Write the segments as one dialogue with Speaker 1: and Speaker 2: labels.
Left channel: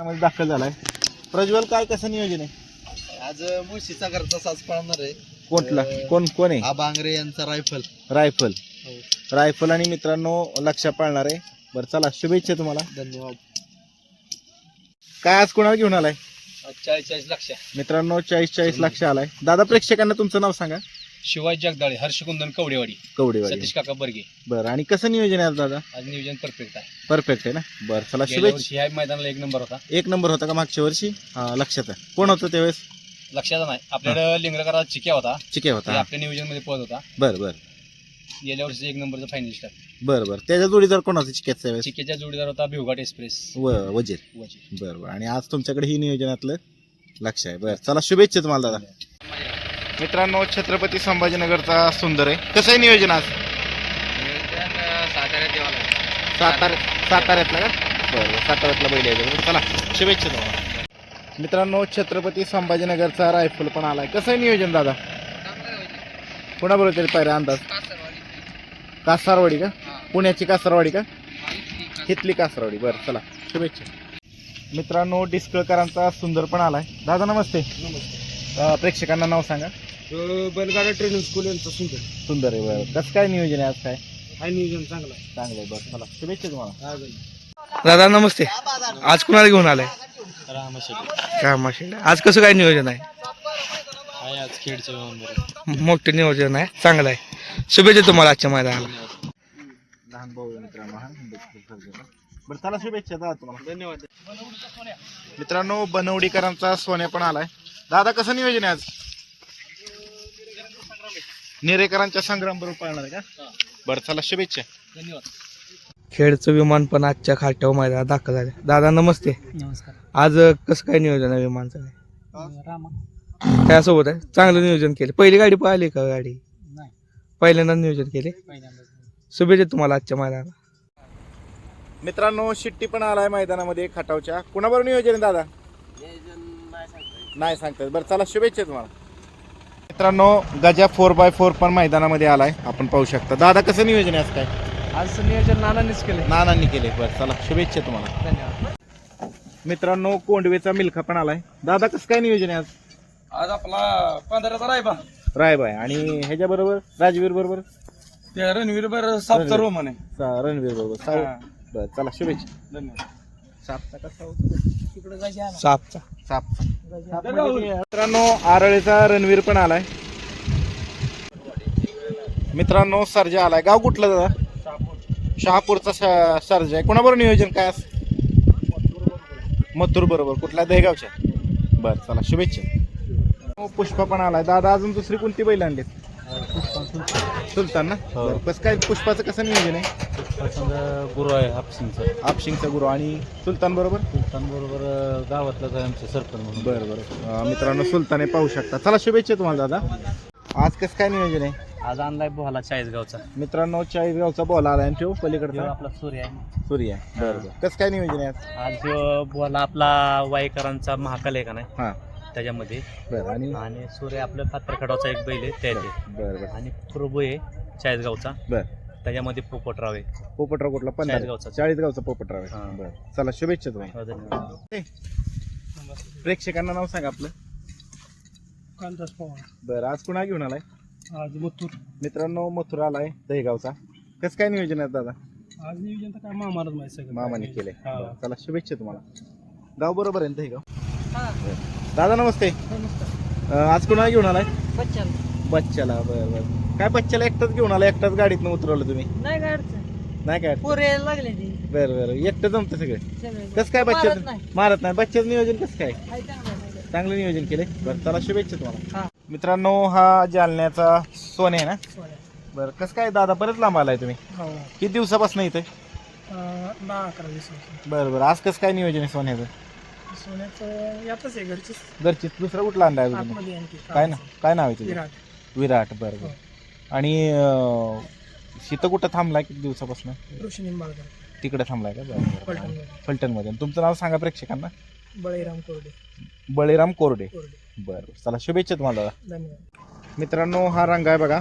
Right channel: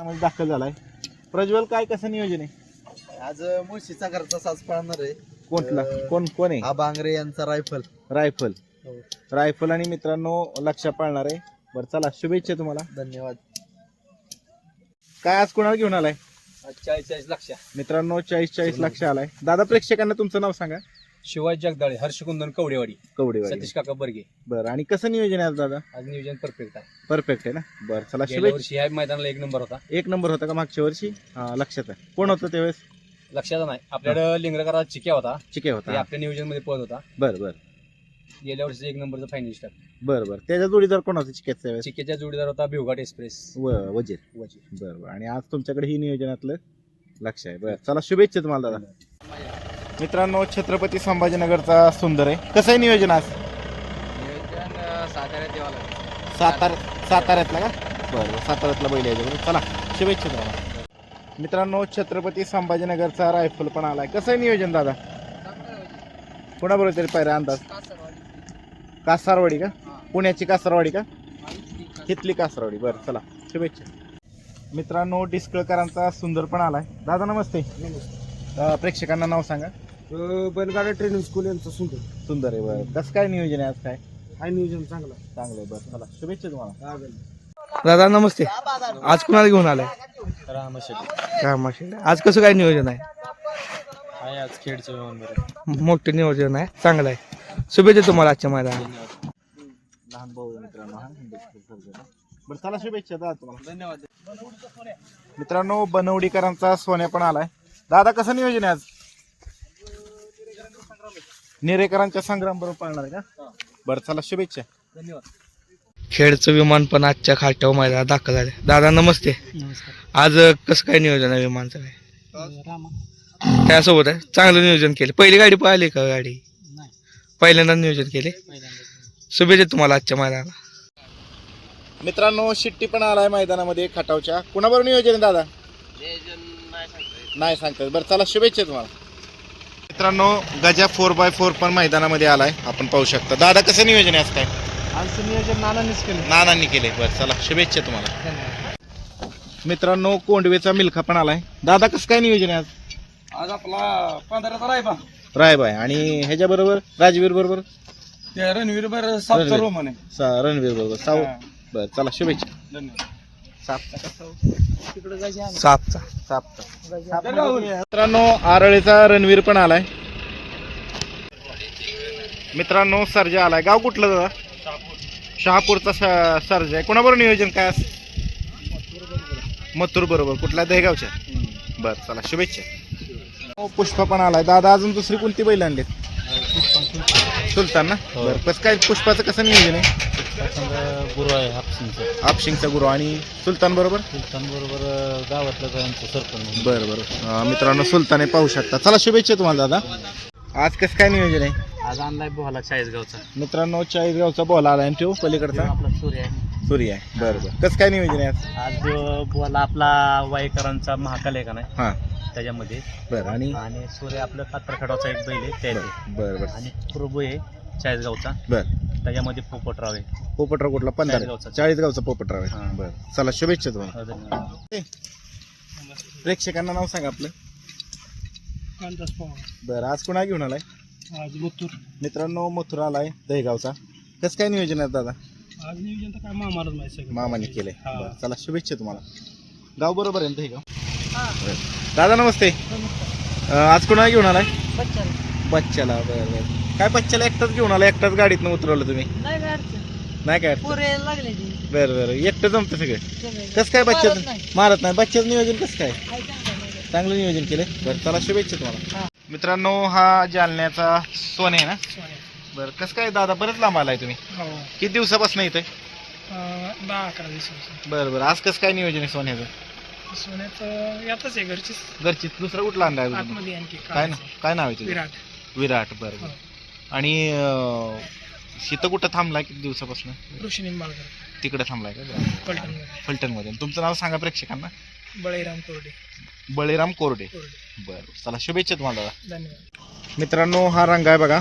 Speaker 1: मध्ये दाखल झालाय. प्रज्वल काय कसं नियोजन आहे?
Speaker 2: आज मुळशीचा घरचा साज पाळणार आहे.
Speaker 1: कोणला
Speaker 2: अं,
Speaker 1: कोण कोण आहे?
Speaker 2: हा बांगरे यांचा रायफल.
Speaker 1: रायफल. रायफल आणि मित्रांनो लक्ष पाळणार आहे. बरं चला शुभेच्छा तुम्हाला.
Speaker 2: धन्यवाद.
Speaker 1: काय आज कोणाला घेऊन आलाय?
Speaker 3: चाळीस चाळीस लक्ष.
Speaker 1: मित्रांनो चाळीस चाळीस लक्ष आलाय. दादा प्रेक्षकांना तुमचं नाव सांगा.
Speaker 3: शिवाजी जगदाळे हर्षकुंदन कवडेवाडी
Speaker 1: कवडेवाडी.
Speaker 3: सतीश काका बर्गे.
Speaker 1: बरं आणि कसं नियोजन आहे आज दादा?
Speaker 3: आज नियोजन परफेक्ट आहे.
Speaker 1: परफेक्ट आहे ना? बरं चला
Speaker 3: गेल्या
Speaker 1: शुभेच्छा.
Speaker 3: वर्षी ह्या मैदानाला एक नंबर होता.
Speaker 1: एक नंबर होता का मागच्या वर्षी? हा लक्षात आहे. कोण होतं त्यावेळेस?
Speaker 3: लक्षात नाही. आपल्याकडे लिंगरकरा चिक्या होता.
Speaker 1: चिके
Speaker 3: ते
Speaker 1: होता
Speaker 3: आपल्या नियोजनमध्ये पळत होता.
Speaker 1: बरं बरं.
Speaker 3: गेल्या वर्षी एक नंबरचा फायनलिस्ट आहे.
Speaker 1: बरं बरं. त्याच्या जोडीदार कोण होतं चिक्याचा त्यावेळेस?
Speaker 3: चिक्याचा जोडीदार होता भिवघाट एक्सप्रेस.
Speaker 1: व वजीर.
Speaker 3: वजी
Speaker 1: बरं बरं. आणि आज तुमच्याकडे ही नियोजनातलं लक्ष आहे. बरं चला शुभेच्छा तुम्हाला दादा. मित्रांनो छत्रपती संभाजीनगरचा सुंदर आहे. कसं आहे नियोजन आज? सातार साताऱ्यातला का? बरं साताऱ्यातला बैल आहे. चला शुभेच्छा तुम्हाला. मित्रांनो छत्रपती संभाजीनगरचा रायफल पण आलाय. कसं आहे नियोजन दादा? कोणाबरोबर तरी पाहिजे अंदाज? कासारवाडी का? पुण्याची कासारवाडी का? हितली कासारवाडी. बरं चला शुभेच्छा. मित्रांनो डिस्कळकरांचा सुंदर पण आलाय. दादा नमस्ते. अं, प्रेक्षकांना नाव सांगा.
Speaker 2: बैलगाडा ट्रेनिंग स्कूल यांचा सुंदर.
Speaker 1: सुंदर आहे बरं. कसं काय नियोजन आहे आज काय?
Speaker 2: हा नियोजन चांगला
Speaker 1: चांगलं आहे बरं. चला शुभेच्छा तुम्हाला.
Speaker 4: दादा नमस्ते. आज कुणाला घेऊन आलाय?
Speaker 3: रामाशेटी
Speaker 4: कामाशी आज कसं काय नियोजन आहे?
Speaker 3: आहे आज खेडचं बरं.
Speaker 4: मोठं नियोजन आहे चांगलं आहे. शुभेच्छा तुम्हाला आजच्या मैदानाला.
Speaker 1: लहान भाऊ आहे मित्रांनो हा. बरं चला शुभेच्छा दादा तुम्हाला. धन्यवाद. मित्रांनो बनवडीकरांचा सोन्या पण आलाय. दादा कसं नियोजन आहे आज? नेरेकरांच्या संग्राम बरोबर पाळणार का? बरं चला शुभेच्छा.
Speaker 3: धन्यवाद.
Speaker 4: खेडचं विमान पण आजच्या खाट्यावर मैदानात दाखल झाले दादा नमस्ते.
Speaker 3: नमस्कार.
Speaker 4: आज अं, कसं काय नियोजन आहे विमानचं काय?
Speaker 3: रामा.
Speaker 4: त्यासोबत आहे? चांगलं नियोजन केलं. पहिली गाडी पाहिली का गाडी?
Speaker 3: नाही.
Speaker 4: पहिल्यांदा नियोजन केले? शुभेच्छा तुम्हाला आजच्या मैदानाला.
Speaker 1: मित्रांनो शिट्टी पण आलाय मैदानामध्ये खटावच्या. कुणाबरोबर नियोजन आहे दादा? नाही सांगतात बरं चला शुभेच्छा तुम्हाला. मित्रांनो गजा फोर बाय फोर पण मैदानामध्ये आलाय. आपण पाहू शकता. दादा कसं नियोजन आहे आज काय?
Speaker 3: आज नियोजन नानांनीच केलं
Speaker 1: नानांनी केले बरं चला शुभेच्छा तुम्हाला.
Speaker 3: धन्यवाद.
Speaker 1: मित्रांनो कोंडवेचा मिल्खा पण आलाय. दादा कसं काय नियोजन आहे आज?
Speaker 3: आज आपला पंधराचा रायबा.
Speaker 1: रायबाय आणि ह्याच्या बरोबर राजवीर बरोबर
Speaker 3: ते रणवीर. बर
Speaker 1: रणवीर.
Speaker 3: रोमन आहे.
Speaker 1: सा- रणवीर बरोबर साऊ
Speaker 3: हा.
Speaker 1: बरं चला शुभेच्छा.
Speaker 3: धन्यवाद.
Speaker 1: सापचा. का साऊ
Speaker 4: सापचा.
Speaker 1: सापचा. मित्रांनो आरळीचा रणवीर पण आलाय. मित्रांनो सर्जा आलाय. गाव कुठलं दादा? शहापूरचा सर्जा आहे. कोणाबरोबर नियोजन काय असं? मथुर बरोबर. कुठल्या दहेगावच्या? बरं चला शुभेच्छा. हो, पुष्प पण आलाय. दादा अजून दुसरी कोणती बैल आणलीत? सुलतान ना? बरं कसं काय पुष्पाचं कसं नियोजन आहे?
Speaker 3: गुरु आहे हापसिंगचं
Speaker 1: आपशिंगचा गुरु आणि सुलतान बरोबर?
Speaker 3: सुलतान बरोबर गावातलं त्यांचं सरपंच
Speaker 1: बरं बरं. अं, मित्रांनो सुलताने पाहू शकता. चला शुभेच्छा तुम्हाला दादा. आज कसं काय नियोजन आहे?
Speaker 3: आज आणलाय बोहाला चाळीसगावचा.
Speaker 1: मित्रांनो चाळीसगावचा बॉल आला आणि तो पलीकडचा.
Speaker 3: आपला सूर्य आहे.
Speaker 1: सूर्य आहे. बरं बरं. कसं काय नियोजन आहे आज?
Speaker 3: बोला आपला वाईकरांचा महाकाल आहे का नाही?
Speaker 1: हां.
Speaker 3: त्याच्यामध्ये.
Speaker 1: बरं आणि?
Speaker 3: आणि सूर्य आपलं पात्रखडाचा एक बैल आहे त्याचे
Speaker 1: बरं बरं
Speaker 3: आणि प्रभू आहे चाळीसगावचा.
Speaker 1: बरं.
Speaker 3: त्याच्यामध्ये पोपटराव आहे.
Speaker 1: पोपटराव कुठला? पंधरा
Speaker 3: चाळीसगावचा.
Speaker 1: चाळीसगावचा पोपटराव आहे.
Speaker 3: हां.
Speaker 1: बरं. चला शुभेच्छा तुम्ही
Speaker 3: हो, धन्यवाद.
Speaker 1: प्रेक्षकांना नाव सांगा आपलं.
Speaker 3: कांतास पवार.
Speaker 1: बरं आज कुणा घेऊन आलाय?
Speaker 3: आज मुत्तूर
Speaker 1: मित्रांनो मथुरा आलाय दहेगावचा. कसं काय नियोजन आहे दादा?
Speaker 3: आज नियोजन तर काय मामालाच माहिती सगळं.
Speaker 1: मामाने केलंय.
Speaker 3: हा.
Speaker 1: बरं, चला शुभेच्छा तुम्हाला. गाव बरोबर आहे ना दहेगाव? बरं. दादा नमस्ते. अं, आज कुणा घेऊन आलाय? बच्च्याला बरं बरं. काय बच्च्याला एकटाच घेऊन आला एकटाच गाडीतनं उतरवलं तुम्ही?
Speaker 5: नाही काय अडचण.
Speaker 1: नाही काय
Speaker 5: पोरे लागले ती.
Speaker 1: बरं बरं. एकटं जमतं सगळं? कसं काय
Speaker 5: मारत
Speaker 1: बच्चा. मारत नाही. बच्च्याचं नियोजन कसं काय?
Speaker 5: हाय चांगलं नाही काय.
Speaker 1: चांगलं नियोजन केलंय? बरं चला शुभेच्छा तुम्हाला.
Speaker 5: हा.
Speaker 1: मित्रांनो हा जालन्याचा सोने आहे ना. बरं कसं काय दादा बरेच लांब आलाय तुम्ही?
Speaker 5: हो.
Speaker 1: किती दिवसापासून इथे?
Speaker 5: अं, दहा अकरा दिवसापासून.
Speaker 1: बरं बरं. आज कसं काय नियोजन आहे सोन्याचं?
Speaker 5: सोन्याचं यातच आहे घरचीच.
Speaker 1: घरची दुसरं कुठला आणलाय अजून?
Speaker 5: आतमध्ये आणखी
Speaker 1: काय ना काय नाव आहे तुझं?
Speaker 5: विराट.
Speaker 1: विराट बरं बरं. आणि शीतं कुठं थांबलाय किती दिवसापासून?
Speaker 5: ऋषी निंबाळकर.
Speaker 1: तिकडे थांबलाय का? बरं, बरं.
Speaker 5: पलटणमध्ये
Speaker 1: फलटणमध्ये. तुमचं नाव सांगा प्रेक्षकांना.
Speaker 5: बळीराम कोरडे.
Speaker 1: बळीराम कोरडे.
Speaker 5: कोरडे.
Speaker 1: बरं बरं. चला शुभेच्छा तुम्हाला. दादा.
Speaker 5: धन्यवाद.
Speaker 1: मित्रांनो हा रंग आहे बघा.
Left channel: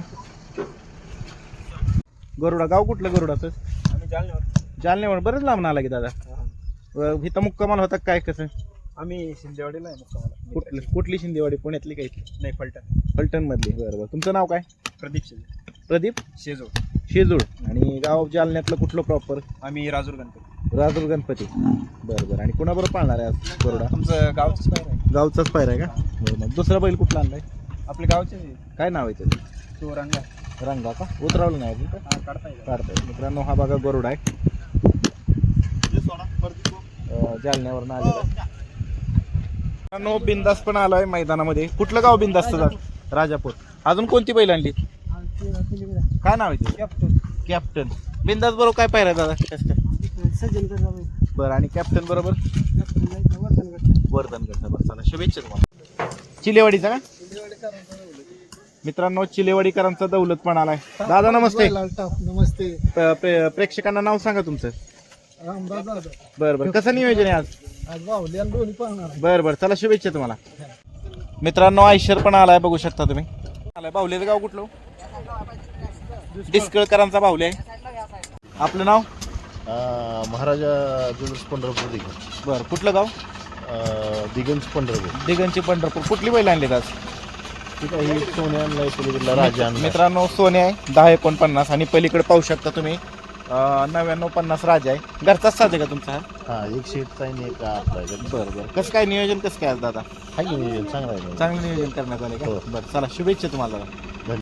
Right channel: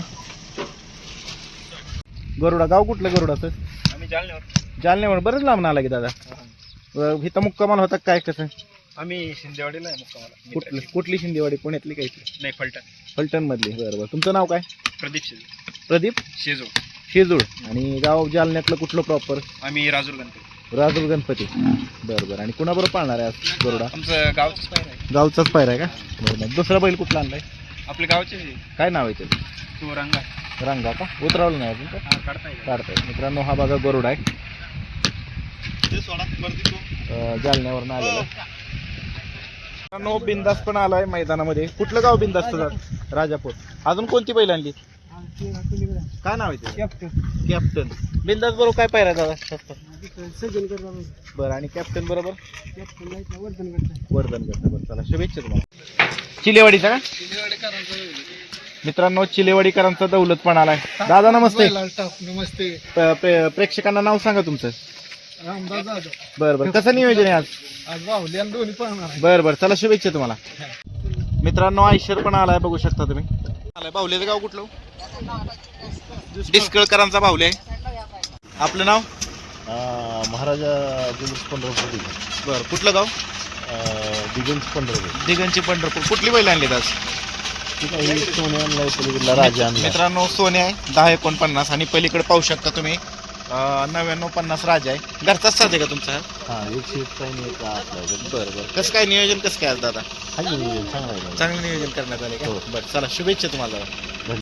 Speaker 1: गरुडा गाव कुठलं गरुडाचं?
Speaker 3: आम्ही जालन्यावर.
Speaker 1: जालन्यावर. बरंच लांब आला की दादा. अं, इथं मुक्कामाल होता काय कसं
Speaker 3: आम्ही शिंदेवाडीला आहे मुक्कामाला
Speaker 1: कुठली? कुठली शिंदेवाडी? पुण्यातली काही
Speaker 3: नाही फलटण.
Speaker 1: फलटण मधली बरं बरं. तुमचं नाव काय?
Speaker 3: प्रदीप शेजू.
Speaker 1: प्रदीप
Speaker 3: शेजू.
Speaker 1: शेजूळ. आणि गाव जालन्यातलं कुठलं प्रॉपर
Speaker 3: आम्ही राजूर गणपती.
Speaker 1: राजूर गणपती. बरं बरं. आणि कुणाबरोबर पाळणार आहे आज गरुडा
Speaker 3: आमचं गावचंच पाहिजे आहे.
Speaker 1: गावचाच पायरा आहे का? बरं मग दुसरा बैल कुठला आणलाय?
Speaker 3: आपले गावचे.
Speaker 1: काय नाव आहे त्याचं?
Speaker 3: तो रंग. आहे
Speaker 1: रंगा का? उतरावलं नाही अजून का
Speaker 3: हा काढता येईल
Speaker 1: काढताय. मित्रांनो हा बघा गरुड आहे. जालन्यावरून आलेला. मित्रांनो बिंदास पण आलाय मैदानामध्ये. कुठलं गाव बिंदास राजापूर. अजून कोणती बैल आणली? काय नाव आहे ते कॅप्टन. बिंदास बरोबर काय पायरा दादा?
Speaker 5: सज्जन करता
Speaker 1: बरं आणि कॅप्टन बरोबर?
Speaker 5: वर्धन
Speaker 1: करतं बरं चला शुभेच्छा तुम्हाला. चिलेवाडीचा का? मित्रांनो चिलेवाडीकरांचा दौलत पण आलाय. दादा नमस्ते.
Speaker 5: नमस्ते.
Speaker 1: प्रेक्षकांना नाव सांगा तुमचं.
Speaker 5: रामदास जाधव.
Speaker 1: बरं बरं. कसं नियोजन आहे आज?
Speaker 5: आज आणि दोन्ही
Speaker 1: बरं बरं. चला शुभेच्छा तुम्हाला. मित्रांनो आयशर पण आलाय बघू शकता तुम्ही. आलाय. बाहुल्याचं गाव कुठलं? डिस्कळकरांचा बाहुले आहे. आपलं नाव?
Speaker 2: महाराजा ज्वेलर्स पंढरपूर दिगंज
Speaker 1: बरं कुठलं गाव?
Speaker 2: दिगंज पंढरपूर.
Speaker 1: दिगंची पंढरपूर. कुठली बैल आणली आज?
Speaker 2: ठीक आहे ही सोने आणलाय पलीकडला राजा
Speaker 1: मित्रांनो सोने आहे. दहा एकोणपन्नास आणि पलीकडे पाहू शकता तुम्ही. नव्याण्णव पन्नास राजा आहे. घरचाच साधे का तुमचा? हा?
Speaker 2: हा एक आहे एक आपला आहे.
Speaker 1: बरं बरं. कसं काय नियोजन कसं काय आज दादा?
Speaker 2: हाय नियोजन चांगला आहे
Speaker 1: चांगलं नियोजन करण्यात आलं का?
Speaker 2: हो.
Speaker 1: बरं चला शुभेच्छा तुम्हाला.